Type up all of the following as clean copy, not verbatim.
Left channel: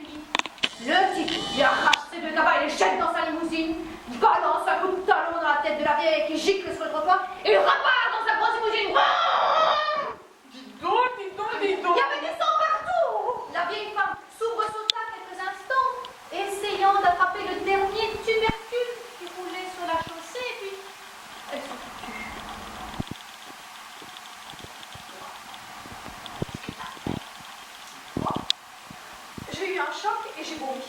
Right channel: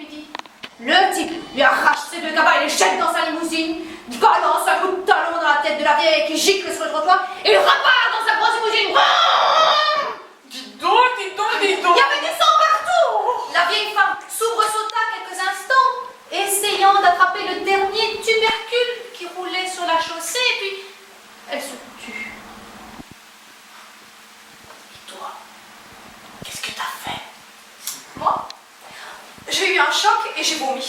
lui dit. Le type lui arrache ses deux cabas et les jette dans sa limousine, balance un coup de talon dans la tête de la vieille qui gicle sur le trottoir et repart dans sa grosse limousine. Dis donc, dis donc, dis donc. Il y avait du sang partout. La vieille femme s'ouvre-sauta quelques instants, essayant d'attraper le dernier tubercule qui roulait sur la chaussée, et puis elle se tut. Et toi, qu'est-ce que t'as fait? Moi, j'ai eu un choc et j'ai vomi.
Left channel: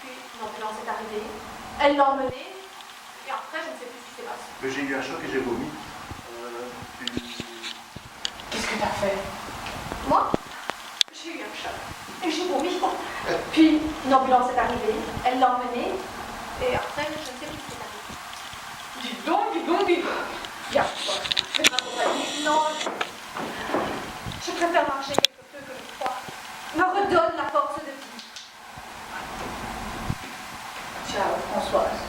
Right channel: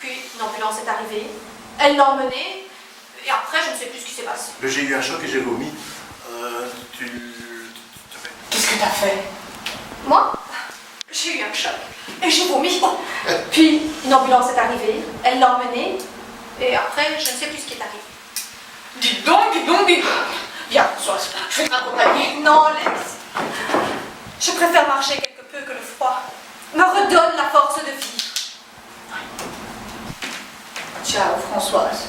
Puis une ambulance est arrivée, elle l'a emmenée, et après je ne sais plus ce qui s'est passé. J'ai eu un choc et j'ai vomi. Qu'est-ce que t'as fait? Moi, j'ai eu un choc et j'ai vomi. Puis une ambulance est arrivée, elle l'a emmenée, et après je ne sais plus ce qui est arrivé. Dis donc, dis donc, dis donc. Viens, Françoise, je vais t'accompagner. Non, Lex. Je préfère marcher quelque peu que le froid me redonne la force de vivre. Ciao, Françoise.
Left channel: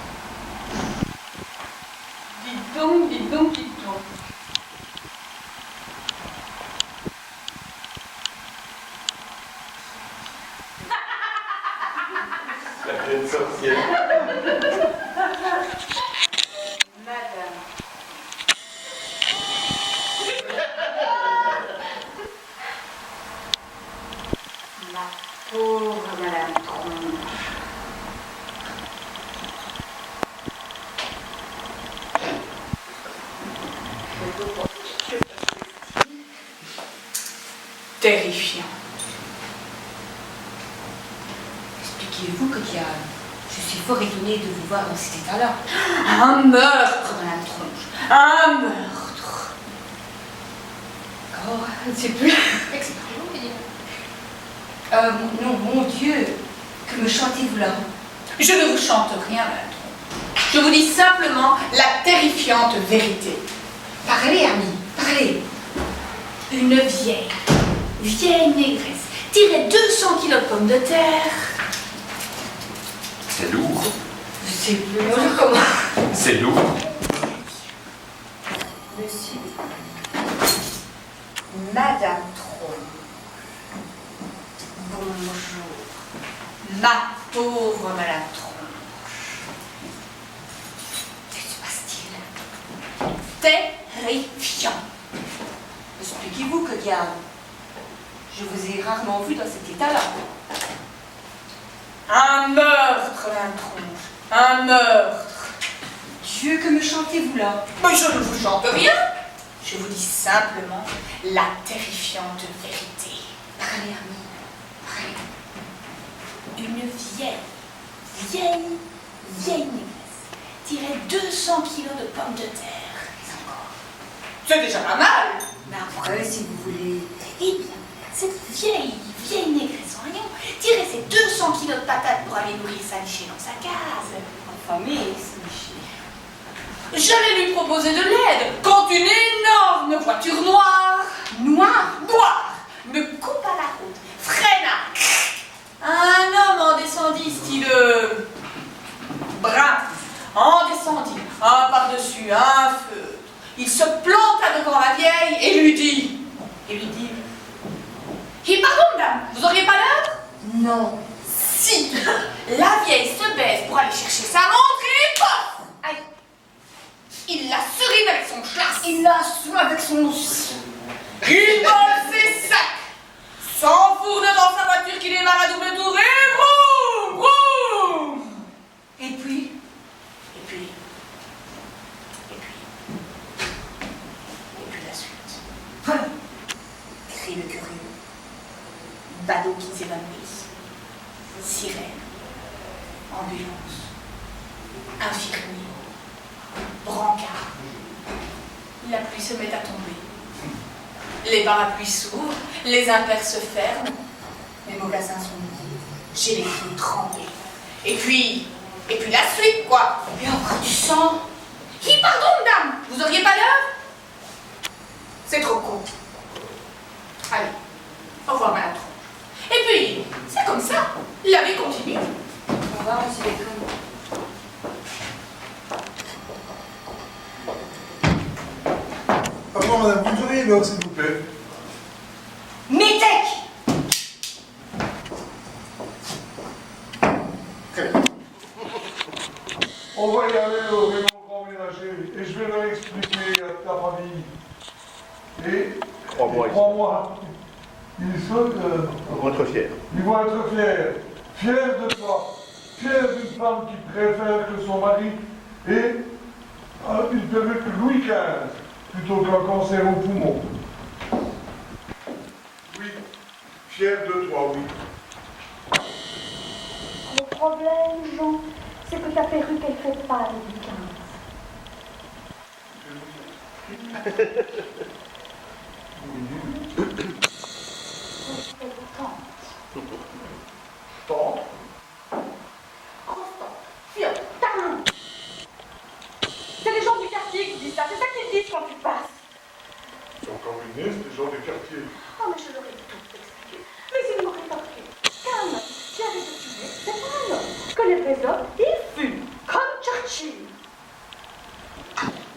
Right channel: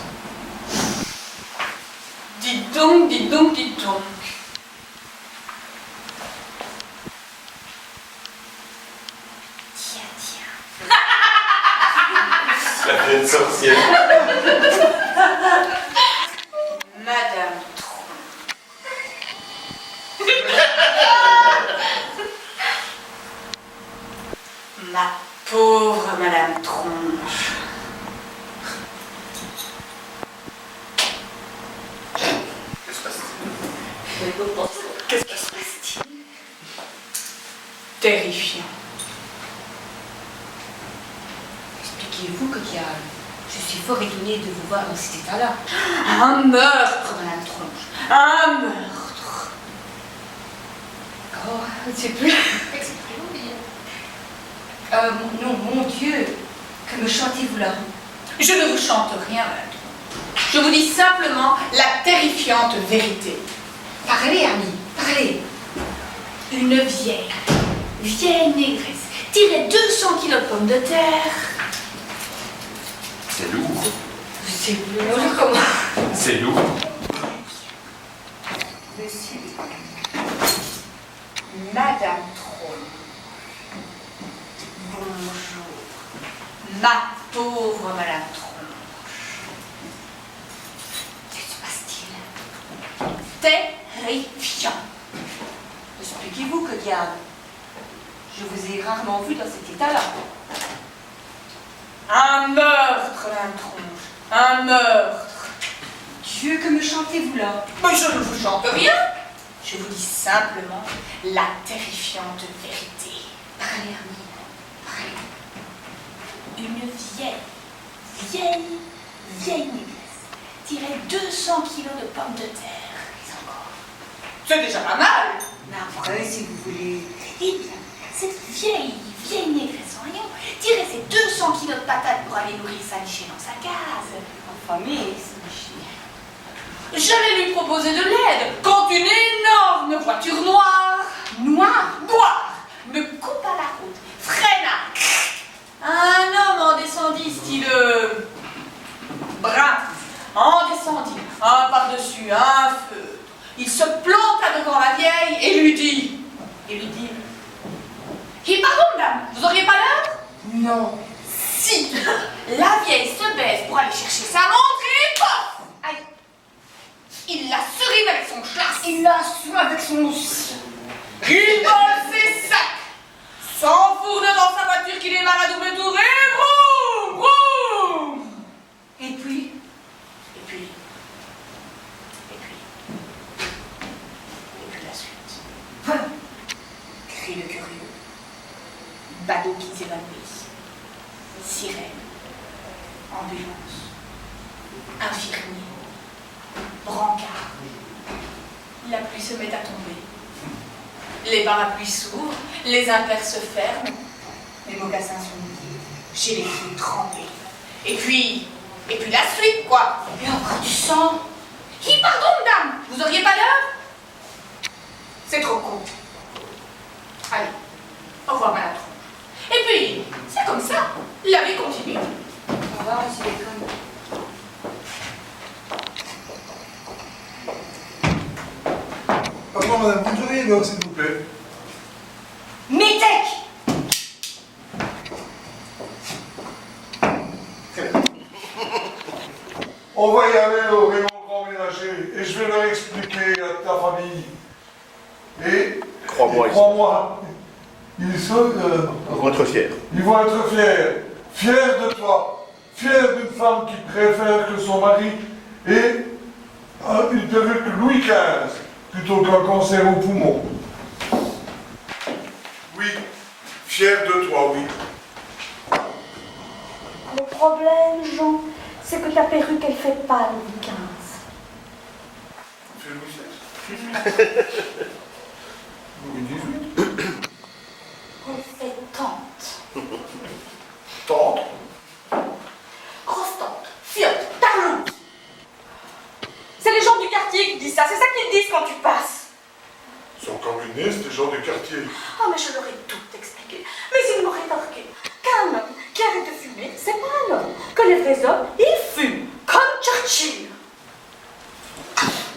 Dis donc, dis donc, dis donc. Tiens. La pleine sorcière. Madame Ma pauvre Madame Tronche. Que se passe-t-il? Qu'est-ce qui se passe-t-il? Terrifiant. Expliquez-vous, que diable? Je suis fort étonnée de vous voir dans cet état-là. Un meurtre, Madame Tronche. Un meurtre. Oh, c'est plus... Expliquez-vous, que dire? Non, mon Dieu, que me chantez-vous là? Je ne vous chante rien, Madame Tronche. Je vous dis simplement la terrifiante vérité. Parlez, ami, parlez. Une vieille négresse tirait 200 kilos de pommes de terre. C'est lourd. C'est plus lourd comment? C'est lourd. Monsieur, Madame Tronche. Bonjour. Ma pauvre Madame Tronche. Que se passe-t-il? Terrifiant. Expliquez-vous, que diable? Je vous ai rarement vu dans cet état-là. Un meurtre, Madame Tronche. Un meurtre. Dieu, que me chantez-vous là? Mais je ne vous chante rien. Je vous dis simplement la terrifiante vérité. Parlez, ami, parlez. Une vieille négresse tirait 200 kilos de pommes de terre. Mais encore. C'est déjà pas mal. Mais après, si vous voulez... Eh bien, cette vieille négresse en rayon tirait ses 200 kilos de patates pour aller nourrir Saniché dans sa case. Affamé, Saniché. J'allais lui proposer de l'aide quand une énorme voiture noire me coupa la route, freina. Un homme en descendit, style brun, en descendit, un par-dessus, un feutre. Il se planta devant la vieille et lui dit, Et pardon, madame, vous auriez pas l'heure? Non. Si, la vieille se baisse pour aller chercher sa montre et paf! Aïe. Il la serine avec son chlasse. Il l'a sous avec son... Il vole ses sacs, s'enfourne dans sa voiture qui démarre à double tour et vroom, vroom. Et puis... la suite. Crie le curieux. Badauds qui s'évanouissent, sirène, ambulance, infirmier, brancard. La pluie se met à tomber. Les parapluies s'ouvrent, les impairs se ferment, mes mocassins sont mouillés, j'ai les pieds trempés. Et puis la suite, quoi. Et encore du sang. Pardon, madame, vous auriez pas l'heure? C'est trop court. Allez, au revoir, madame Tronche. Et puis, c'est comme ça, la vie continue. Au revoir, monsieur Bacon. Pardon, madame, vous me donnez l'heure, s'il vous plaît. Métèque! Et Crois-moi, crois-moi, ils sont vont être fiers. ils vont être fiers. Fiers de toi. Fiers d'une femme qui préfère que son mari ait une perruque Louis XV plutôt qu'un cancer au poumon. Oui, fiers de toi, oui. Le problème, Jean, c'est que ta perruque, elle fait pas Louis XV. On fait Louis XVI. Louis XVIII. Elle fait tante. Tante. Grosse tante, fiotte, tarloute. C'est les gens du quartier qui disent ça, c'est ça qu'ils disent quand tu passes. Ils sont communistes, les gens du quartier. Ah, mais je leur ai tout expliqué. Mais ils m'ont rétorqué qu'un homme qui arrête de fumer, c'est pas un homme. Que les vrais hommes, ils fument. Comme Churchill.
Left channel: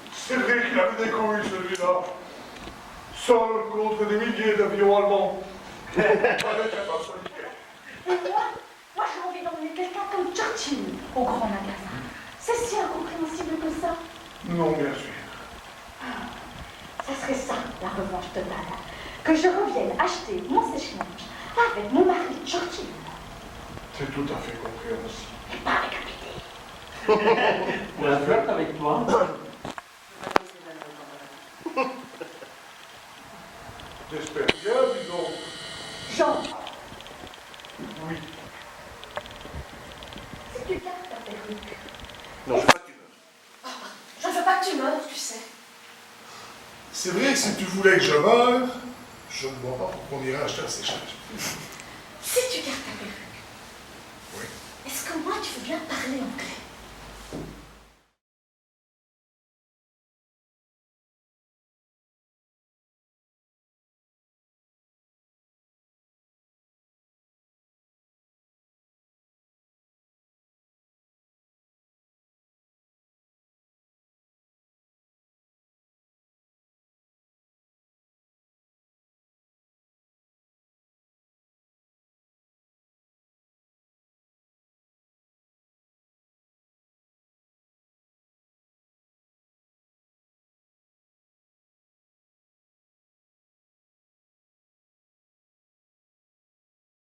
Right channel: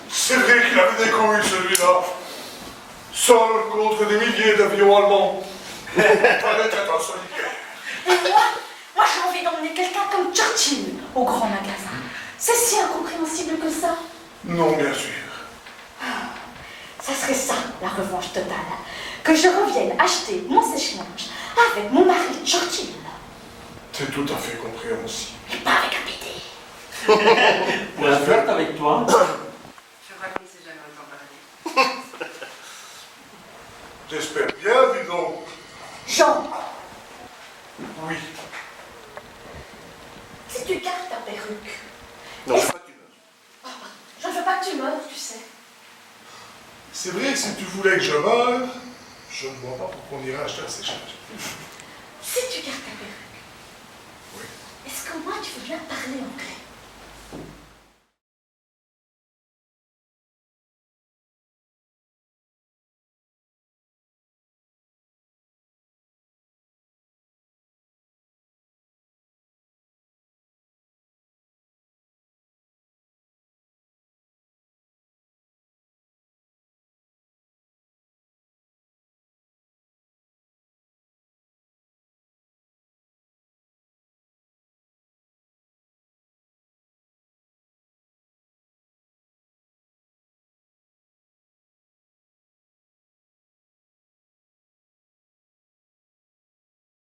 C'est vrai qu'il avait des couilles, celui-là. Seul contre des milliers d'avions allemands. Fallait être un solitaire. Et moi j'ai envie d'emmener quelqu'un comme Churchill au grand magasin. C'est si incompréhensible que ça. Non, bien sûr. Ça serait ça, la revanche totale. Que je revienne acheter mon sèche-linge avec mon mari Churchill. C'est tout à fait compréhensible. Et pas avec un bébé. Pour la flirte avec toi. Je crois qu'on s'est jamais autant parlé. J'espère bien, dis donc. Jean, Oui. si tu gardes ta perruque, Non, je veux pas que tu meurs. je ne veux pas que tu meurs, tu sais. C'est vrai que si tu voulais que je meure, je ne vois pas pourquoi on irait acheter un séchage. Si tu gardes ta perruque, Oui. est-ce que moi tu veux bien parler anglais?